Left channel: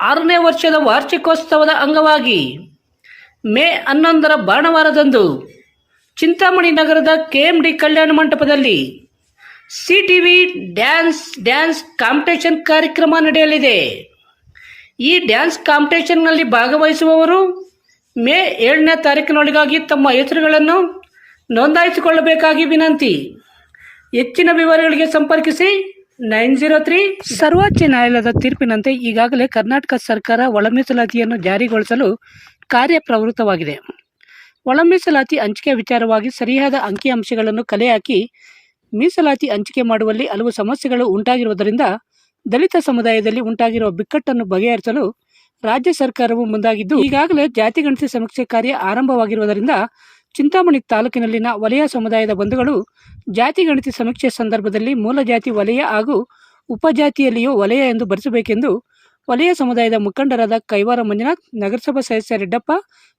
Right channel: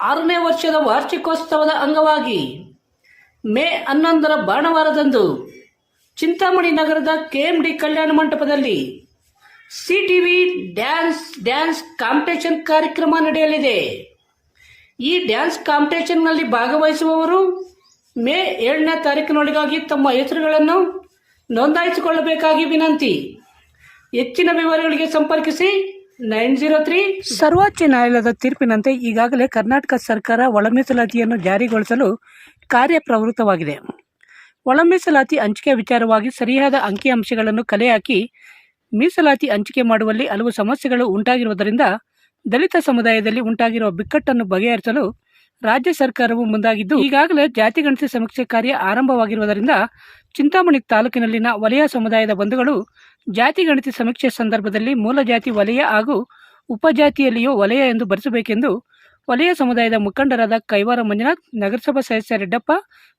ಆರನೇ ವರ್ಷದ ವಾರ್ಷಿಕೋತ್ಸವದ ಅಂಗವಾಗಿ ಮೇ ಹನ್ನೊಂದರ ಭಾನುವಾರದಂದು ಚಿಂತಾಮಣಿ ನಗರದ ಕೆಎಂಡಿ ಕಲ್ಯಾಣ ಮಂಟಪದಲ್ಲಿ C T V dance dance competition ಕಾರ್ಯಕ್ರಮ ನಡೆಯಲಿದೆ. ಈ ಡ್ಯಾನ್ಸ್ ಕಾಂಪಿಟೇಷನ್ನಲ್ಲಿ ಭಾಗವಹಿಸುವವರು ಮೇ ಏಳನೇ ತಾರೀಕಿನೊಳಗಾಗಿ ತಮ್ಮ ಹೆಸರುಗಳನ್ನು ನೋಂದಾಯಿಸಿಕೊಳ್ಳಬೇಕಾಗಿ ವಿನಂತಿ. ಹೆಚ್ಚಿನ ವಿವರಗಳಿಗೆ ಸಂಪರ್ಕಿಸಿ ನೈನ್ ಜೀರೋ ತ್ರೀ. ಸರ್ವೋಚ್ಚ ನ್ಯಾಯಾಲಯದ ತೀರ್ಪಿನಂತೆ ಈಗಾಗಲೇ ಕರ್ನಾಟಕ ಸರ್ಕಾರ ಒಳಮೀಸಲಾತಿಯನ್ನು ಜಾರಿಗೊಳಿಸಲು ಕಾರ್ಯಪ್ರವೃತ್ತವಾಗಿದೆ. ಒಳ ಮೀಸಲಾತಿ ಹಂಚಿಕೆ ವಿಚಾರವಾಗಿ ಸರಿಯಾದ ಅಂಕಿಅಂಶಗಳನ್ನು ಕಲೆ ಹಾಕಿ ಮೀಸಲಾತಿ ಹಂಚಿಕೆ ಮಾಡುವಲ್ಲಿ ಹಲವು ಸಮಸ್ಯೆಗಳು ಉಂಟಾಗಿರುವುದರಿಂದ ದಲಿತ ಸಮುದಾಯದಲ್ಲಿ ಉಂಟಾಗಿರುವ ಬಿಕ್ಕಟ್ಟನ್ನು ಬಗೆಹರಿಸಲು ರಾಜ್ಯ ಸರ್ಕಾರವು ಮುಂದಾಗಿದ್ದು, ಈಗಾಗಲೇ ಜಾತಿ ಗಣತಿ ಸಮೀಕ್ಷೆ ಕಾರ್ಯ ಆರಂಭವಾಗಿರುವುದರಿಂದ ಚಿಂತಾಮಣಿ ತಾಲೂಕಿನಲ್ಲಿನ ವಲಯ ಸಮುದಾಯದ ಬಂಧುಗಳು ಜಾತಿ ಗಣತಿ ಸಮೀಕ್ಷೆ ಸಂದರ್ಭದಲ್ಲಿ ಮೂಲ ಜಾತಿ ವಲಯ ಹಾಗೂ ಉಪಜಾತಿಯಲ್ಲಿಯೂ ವಲಯ ಎಂದು ಭರಿಸಬೇಕೆಂದು ವಲಯ ಸಮುದಾಯದ ಮುಖಂಡರಾದ ಕೈವಾರ ಮಂಜುನಾಥ್, ನಗರಸಭಾ ಸದಸ್ಯ ರೆಡ್ಡಪ್ಪ,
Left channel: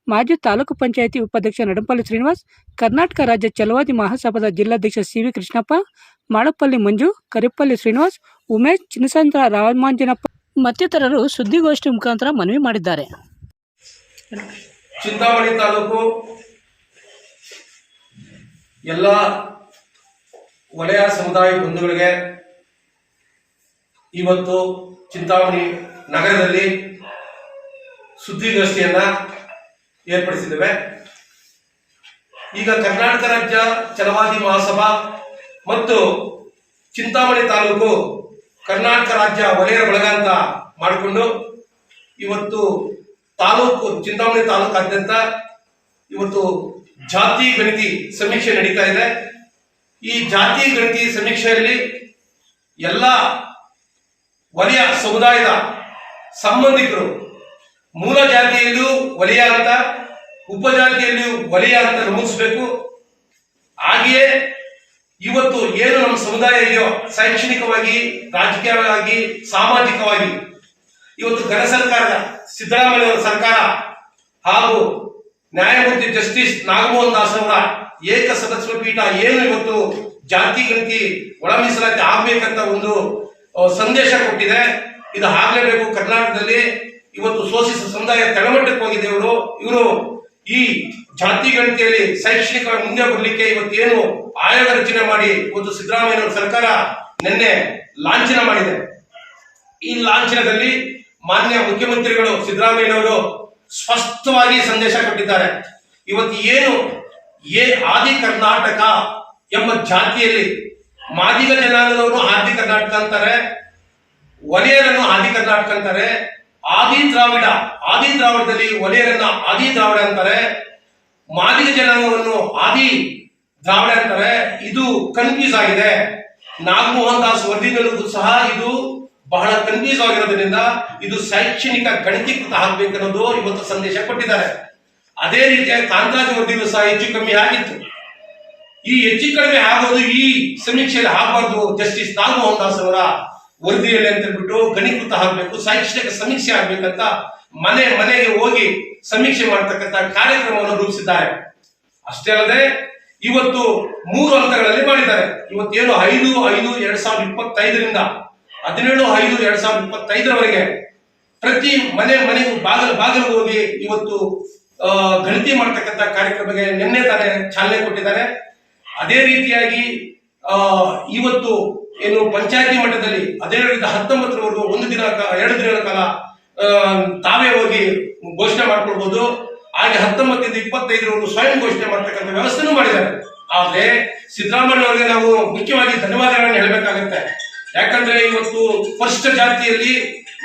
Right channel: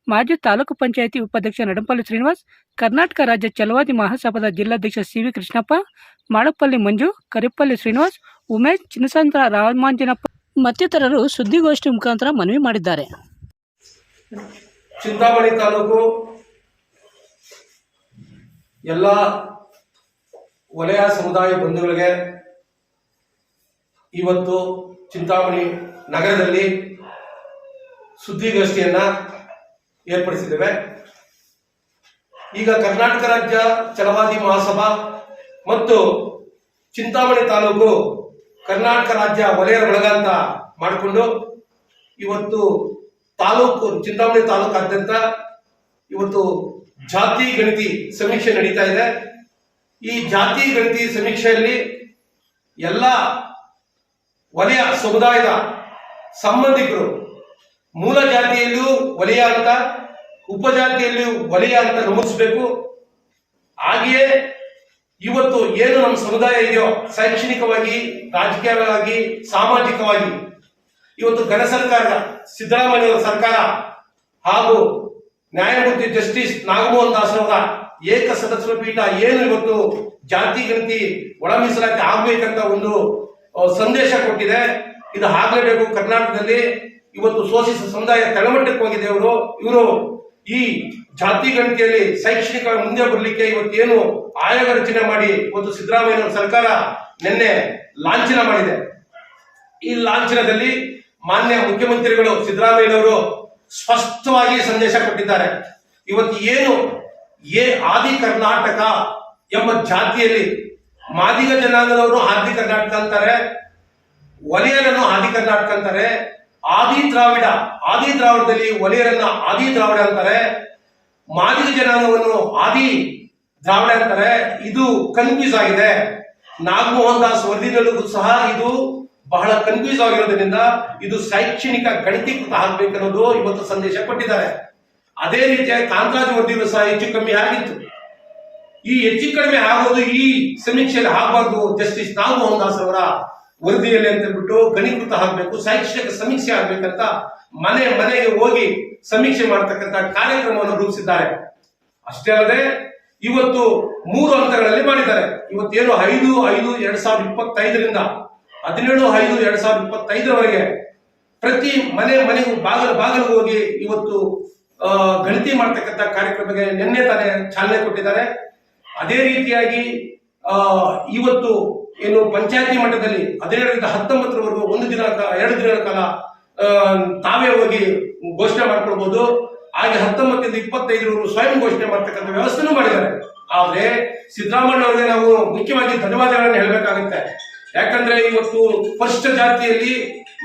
ಮಾಜಿ ತಾಲೂಕು ಪಂಚಾಯಿತಿ ಉಪಾಧ್ಯಕ್ಷ ನಡಂಪಲ್ಲಿ ಶ್ರೀನಿವಾಸ್, ಕರ್ನಾಟಕ ರಾಜ್ಯ ಚಲವಾದಿ ಮಹಾಸಭಾದ ಜಿಲ್ಲಾಧ್ಯಕ್ಷ ಸಿ ವಿ ಕೃಷ್ಣಪ್ಪ ಮಾಳಪ್ಪಲ್ಲಿ ಮಂಜು ಕರಿಪಲ್ಲಿ ಶ್ರೀನಿವಾಸ್, ಉಮೇಶ್ ಚಿನ್ನಸಂದ್ರ ರಾಮಾಂಜನಪ್ಪ ಮತ್ತಿತರರು ಸುದ್ದಿಗೋಷ್ಠಿ ಮುಖಾಂತರ ಮನವಿ ಮಾಡಿದ್ದಾರೆ. ಚಿಂತಾಮಣಿ ತಾಲೂಕು ಎಲ್ಲ ವಲಯ ಸಮುದಾಯ ಬಂಧುಗಳಿಗೆ ಇವತ್ತು ಚಿಂತಾಮಣಿ ನಗರದಲ್ಲಿ ಸುದ್ದಿಗೋಷ್ಠಿಯನ್ನ ಏರ್ಪಡಿಸಿದ್ದೇವೆ. ಈಗ ಕರ್ನಾಟಕ ರಾಜ್ಯ ಚಲವಾದಿ ಮಹಾಸಭಾ ಮತ್ತು ಚಿಂತಾಮಣಿ ತಾಲೂಕು ಕರ್ನಾಟಕ ರಾಜ್ಯ ವಲಯ ಬಳಗ ಅಂತ ಮಾಡಿಕೊಂಡು ಇವತ್ತು ತಾಲೂಕು ಚಿಂತಾಮಣಿ ತಾಲೂಕಾದ್ಯಂತ ಇವತ್ತು ಜಾತಿ ಗಣತಿ ಸಮೀಕ್ಷೆ ನಡೀತಾ ಇದೆ. ಈ ಜಾತಿ ಗಣತಿ ಸಮೀಕ್ಷೆಯಲ್ಲಿ ಎಲ್ಲ ವಲಯ ಸಮುದಾಯದ ಸಂಬಂಧಿಕರು ಮೂಲ ಜಾತಿಯಲ್ಲಿಯೂ ವಲಯ ಅಂತ ಉಪಜಾತಿಯಲ್ಲಿಯೂ ವಲಯ ಅಂತ ನಮೂದಿಸಬೇಕು. ಹಾಗೆಯೇ ಇವತ್ತು ಏನು ನಮ್ಮ ಸಮುದಾಯ ಇದೆಯೋ, ಶೈಕ್ಷಣಿಕವಾಗಿ, ರಾಜಕೀಯವಾಗಿ, ಸಾಮಾಜಿಕವಾಗಿ, ಇವತ್ತು ಘನ ಸರ್ಕಾರದ ಸಿದ್ದರಾಮಯ್ಯ ಸರ್ಕಾರ ಹಾಗೂ ನ್ಯಾಯಮೂರ್ತಿ ಜಸ್ಟಿಸ್ ನಾಗಮೋಹನ್ ದಾಸ್ ಅವರ ಏಕ ಸದಸ್ಯ ಪೀಠ ಏನು ಇವತ್ತು ಜಾತಿ, ಗಣತಿ ಒಳ ಮೀಸಲಾತಿ ಆಗ್ಬೇಕಂತ ಒಂದು ಸಂದೇಶ ಕೊಟ್ಟಿದೆ. ಇದು ಆಗ್ಲೇಬೇಕು. ಕರ್ನಾಟಕದಲ್ಲಿ ಇವತ್ತು ಶೋಷಿತ ಸಮುದಾಯ ತಳಮಟ್ಟಕ್ಕೆ ಹೋಗಿದೆ ಇವರು. ಇವರು ಈ ಜಾತಿ, ಗಣತಿಯಲ್ಲಿ ಶೈಕ್ಷಣಿಕ ಮುಂದೆ ಬರಲಿಕ್ಕೆ ಇವತ್ತೇನು ಆಯೋಗ ರಚನೆ ಮಾಡಿ ಒಂದು ಸಿದ್ದರಾಮಯ್ಯ ಸರ್ಕಾರ ನಿನ್ನೆ ಲಾಂಛನ ಮಾಡಿದೆ. ಈ ಲಾಂಛನದಲ್ಲಿ ಮಾನ್ಯ ಮುಖ್ಯಮಂತ್ರಿಗಳು ಸಿದ್ದರಾಮಯ್ಯನವರು ಸ್ಪಷ್ಟವಾಗಿ ಸಂದೇಶ ಕೊಟ್ಟಿದ್ದಾರೆ. ಇವತ್ತು ಏನು ಏ ಆದಿ ಕರ್ನಾಟಕ ಎಂಬ ಜಾತಿಯಲ್ಲಿ ಮಾದಿಗ ಜನಾಂಗದವರು ಆದಿ ಕರ್ನಾಟಕ ಅಂತಾರೆ, ಒಲೆಯರನ್ನು ಆದಿ ಕರ್ನಾಟಕ ಅಂತಾರೆ, ಆದಿ ದ್ರಾವಿಡ, ಆದಿ ದ್ರಾವಿಡದಲ್ಲಿ ಒಲೆಯರನ್ನ ಆದಿ ದ್ರಾವಿಡ ಅಂತಾರೆ, ಮಾದಿಗ ಜನಾಂಗವನ್ನು ಆದಿ ದ್ರಾವಿಡ ಅಂತಾರೆ. ಇದು ಕನ್ಫ್ಯೂಸ್ ಆಗಿದೆ. ನಾಗಮೋಹನ್ ದಾಸ್ ವರದಿಗಳಿಗೂ ಸಹ ಇದು ಬಹಳ ಕನ್ಫ್ಯೂಸ್ ಆಗಿರೋದ್ರಿಂದ ಇದು ಶೈಕ್ಷಣಿಕ ಗಣಕೀಕೃತ ಆಗ್ಬೇಕನ್ನೋದು ಇವತ್ತು ಸಂದೇಶ ಕೊಟ್ಟಿದ್ದಾರೆ. ಅದೇ ರೀತಿಯಾಗಿ ಕಾಂತರಾಜ್ ವರದಿಗಳು ಸಹ ಹೆಚ್ಚು ಕಮ್ಮಿ ಆಗಿತ್ತು. ಈ ಹೆಚ್ಚು ಕಡಿಮೆ ಆಗೋದು ಈ ಸಮೀಕ್ಷೆಯಲ್ಲಿ ಆಗಬಾರ್ದು ಜಸ್ಟಿಸ್ ನಾಗಮೋಹನ್ ದಾಸ್ ಅವರ ವರದಿಯಲ್ಲಿ ಅಂತ ಹೇಳ್ಬಿಟ್ಟು ಗಣೀಕೃತ ಆಗಬೇಕು, ಶೈಕ್ಷಣಿಕ ಸಮೀಕ್ಷೆ ಆಗ್ಬೇಕಂತ ಮನೆ ಮನೆಗೆ ಹೋಗಿ ಸಮೀಕ್ಷೆ ಮಾಡತಕ್ಕಂತ ಕಾರ್ಯಕ್ರಮವನ್ನು ರೂಪಿಸಿದ್ದಾರೆ. ಅಷ್ಟೇ ಅಲ್ಲದೆ ಇವತ್ತು ಮೂರು ಹಂತಗಳಲ್ಲಿ ಮಾಡಿದ್ದಾರೆ. ಇವತ್ತೇನು ಐದು ಐದು, ಎರಡ್ ಸಾವಿರದ ಇಪ್ಪತ್ತೈದರಿಂದ ಹದಿನೇಳು ಐದು ಎರಡ್ ಸಾವಿರದ ಇಪ್ಪತ್ತೈದರವರೆಗೆ ಪ್ರತಿ ಮನೆ ಮನೆಗೂ ಬಾಗಿಲು ಬಾಗಿಲು ಹೋಗಿ ಇವತ್ತು ಗಣತಿ ಮಾಡ್ತಕ್ಕಂಥ ಕಾರ್ಯಕ್ರಮಕ್ಕೆ ನಿನ್ನೆ ತಾನೇ ಚಾಲನೆ ಕೊಟ್ಟಿದ್ದಾರೆ. ಅದೇ ರೀತಿಯಾಗಿ ಇವತ್ತು ಏನು ಪಂಚಾಯತಿ ಮಟ್ಟದಲ್ಲಿ ಹದಿನೇಳರಿಂದ ಹತ್ತೊಂಬತ್ತರವರೆಗೂ ಒಂದು ದಿನ ಎರಡು ದಿನಗಳ ಕಾಲ ತಾವೇ ಹೋಗಿ ಘೋಷಣೆ ಮಾಡ್ಕೊಳ್ಬಹುದು ಹಾಗೆ ಹತ್ತೊಂಬತ್ತರಿಂದ ಇಪ್ಪತ್ತೈದರವರೆಗೂ ಸ್ವಯಂ ಘೋಷಣೆ ಮಾಡ್ತಕ್ಕಂಥ ವ್ಯವಸ್ಥೆನೂ ಮಾಡಿದ್ದಾರೆ. ಆದರೆ ಸಿದ್ದರಾಮಯ್ಯ ಅವರಿಗೆ ನಾವು ಮುಖ್ಯವಾಗಿ ಧನ್ಯವಾದಗಳನ್ನು ಹೇಳಬೇಕಾಗುತ್ತೆ. ಯಾಕಂದ್ರೆ ಇವತ್ತು ಪರಿಶಿಷ್ಟ ಜಾತಿಯಲ್ಲಿ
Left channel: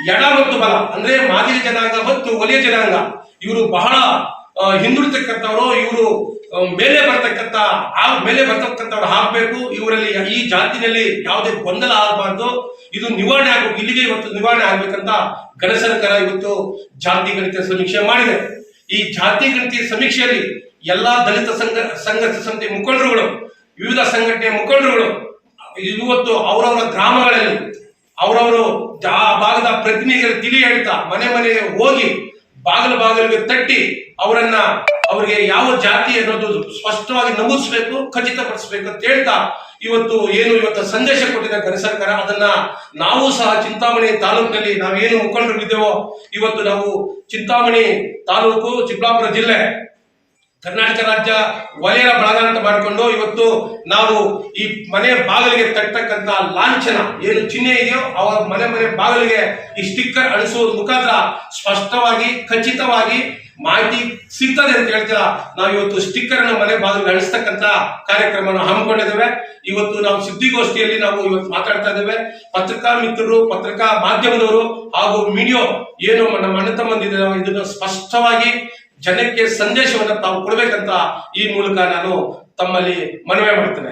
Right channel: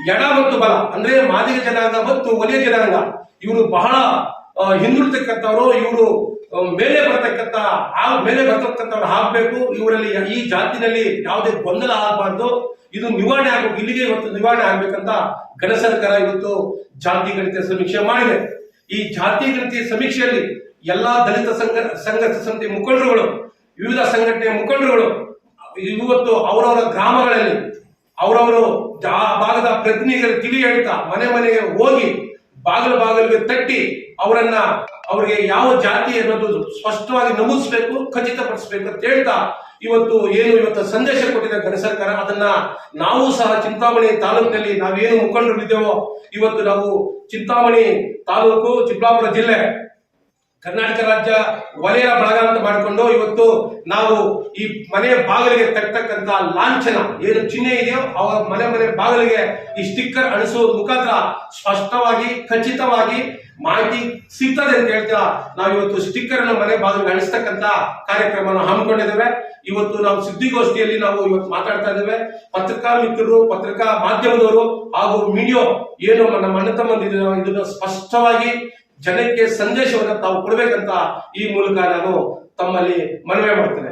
ಎಡ ಮತ್ತು ಬಲ, ಅಂದ್ರೆ ಮಾದರಿ ಜನಾಂಗ ಮತ್ತು ಒಲಿಯ ಜನಾಂಗ, ಇವರು ಬಹಳ ಹಿಂದುಳಿತಕ್ಕಂಥವ್ರು, ಇವರು ಮೇಲೆ ಬರ್ತಕ್ಕಂಥ, ಆ, ಮೇಲೆ ಬರ್ತಕ್ಕಂಥವ್ರು ಹಾಕ್ಬೇಕು ಇವರಲ್ಲಿ ಈ ಜಾತಿನಲ್ಲಿ ಯಾವುದೇ ಗೊಂದಲ ಆಗಬಾರ್ದು. ಇದು ನಿವಾರಣೆ ಆಗ್ಬೇಕು. ಇಲ್ಲಿಗೆ ಇವತ್ತು ನಿವಾರಣೆ ಆಗ್ಬೇಕಂತ ಘನ ಸರ್ಕಾರ ಇವತ್ತು ಜಾತಿ ಗಣಿತ ಸಮೀಕ್ಷೆ ಮಾಡಿದೆ. ಈ ಜಾತಿ ಗಣಿತ ಸಮೀಕ್ಷೆಯಲ್ಲಿ ಎಲ್ಲಾ ದಲಿತ ಸಂಘ, ಸಂಘರ್ಷ ಸಂಸ್ಥೆ ಮುಖಂಡರುಗಳು, ವಿವಿಧ ಸಂಘಟನೆಯ ಮುಖಂಡರುಗಳು ಇವತ್ತು ಅವರವರ ಗ್ರಾಮಗಳಲ್ಲಿ ಅವರವರು ಆ ಭಾಗದ ಪ್ರತಿನಿಧಿಗಳು ತಿಳಿ ಹೇಳ್ತಾ ಮನೆ ಮನೆಗೆ ಹೋಗಿ ಬಾಗಿಲು ಬಾಗಿಲಿಗೆ ತಟ್ಟಿ ಅವರನ್ನ ಅವರಿಗೆ ಯಾವ ಜಾತಿ ಅನ್ನೋದು ಸ್ಪಷ್ಟವಾಗಿ ನಮೂದಿಸಬೇಕು, ಖಚಿತಪಡಿಸಬೇಕು ಅಂತ ಹೇಳ್ತಾ ಇವತ್ತು ಏನು ಇವತ್ತು ಸಂದೇಶ ಕೊಟ್ಟಿದೆ ಘನ ಸರ್ಕಾರ, ಅದನ್ನ ನಾವು ಸಹ ಚಿಂತಾಮಣಿ ತಾಲೂಕಿನಲ್ಲಿ ನಾವೇನು ಮುಖಂಡರು ಇದ್ದೇವೋ, ಇವತ್ತು ನಾವು ಚಿಂತಾಮಣಿ ತಾಲೂಕು ಚಿಕ್ಕಬಳ್ಳಾಪುರ ಜಿಲ್ಲೆ ಕರ್ನಾಟಕ ರಾಜ್ಯ ವಲಯದ ಬಳಗ ಅಂತ ಮಾಡಿಕೊಂಡು ಇವತ್ತು ನಾವು ಈ ಮನೆ ಬಾಗಿಲಿಗೆ ತಟ್ಟತಕ್ಕಂತ ಲಾಂಛನ ಏನು ಚಿಹ್ನೆ ಇದೆಯೋ ಅವರ ಮನೆ ಮನೆ ಬಾಗಿಲಿಗೆ ಈ ಸ್ಟಿಕ್ಕರ್ ಅಳಿಸುವ ಮುಖಾಂತರ ಸ್ಪಷ್ಟವಾಗಿ, ಖಚಿತವಾಗಿ ಮಾಹಿತಿ ಸಿಗ್ತದೆ ಅಂತ ಹೇಳ್ತೀರಾ? ನಾವು ಇವತ್ತು ಸ್ಟಿಕ್ಕರ್ ಅನ್ನು ಮನೆ ಬಾಗಿಲಿಗೆ ಅಳಿಸ್ತಕ್ಕಂತ ಕಾರ್ಯಕ್ರಮವನ್ನು ಹಮ್ಮಿಕೊಂಡಿದ್ದೇವೆ. ಇವತ್ತು ನಾವು ಸುದ್ದಿಗೋಷ್ಠಿಯಲ್ಲಿ ನಾವು ಇವತ್ತು ಮಾತಾಡ್ತಾ ಇದ್ದೇವೆ. ಪತ್ರಿಕಾ ಮಿತ್ರರು, ಪತ್ರಿಕಾ ಮಾಧ್ಯಮದವರು ಹಾಗೂ ಮೀಡಿಯೋ, ಏನು ನಮ್ಮ ಅಣ್ಣ ನಾವು ಇದನ್ನು ಸ್ಪಷ್ಟವಾಗಿ ಜನಕ್ಕೆ ಸಂದೇಶವನ್ನು ತಾವು ಕೊಡಬೇಕಂತ ಈ ಮೂಲಕ ನಾನು ತಮ್ಮಲ್ಲಿ ಮನವಿ ಮಾಡ್ತೇನೆ.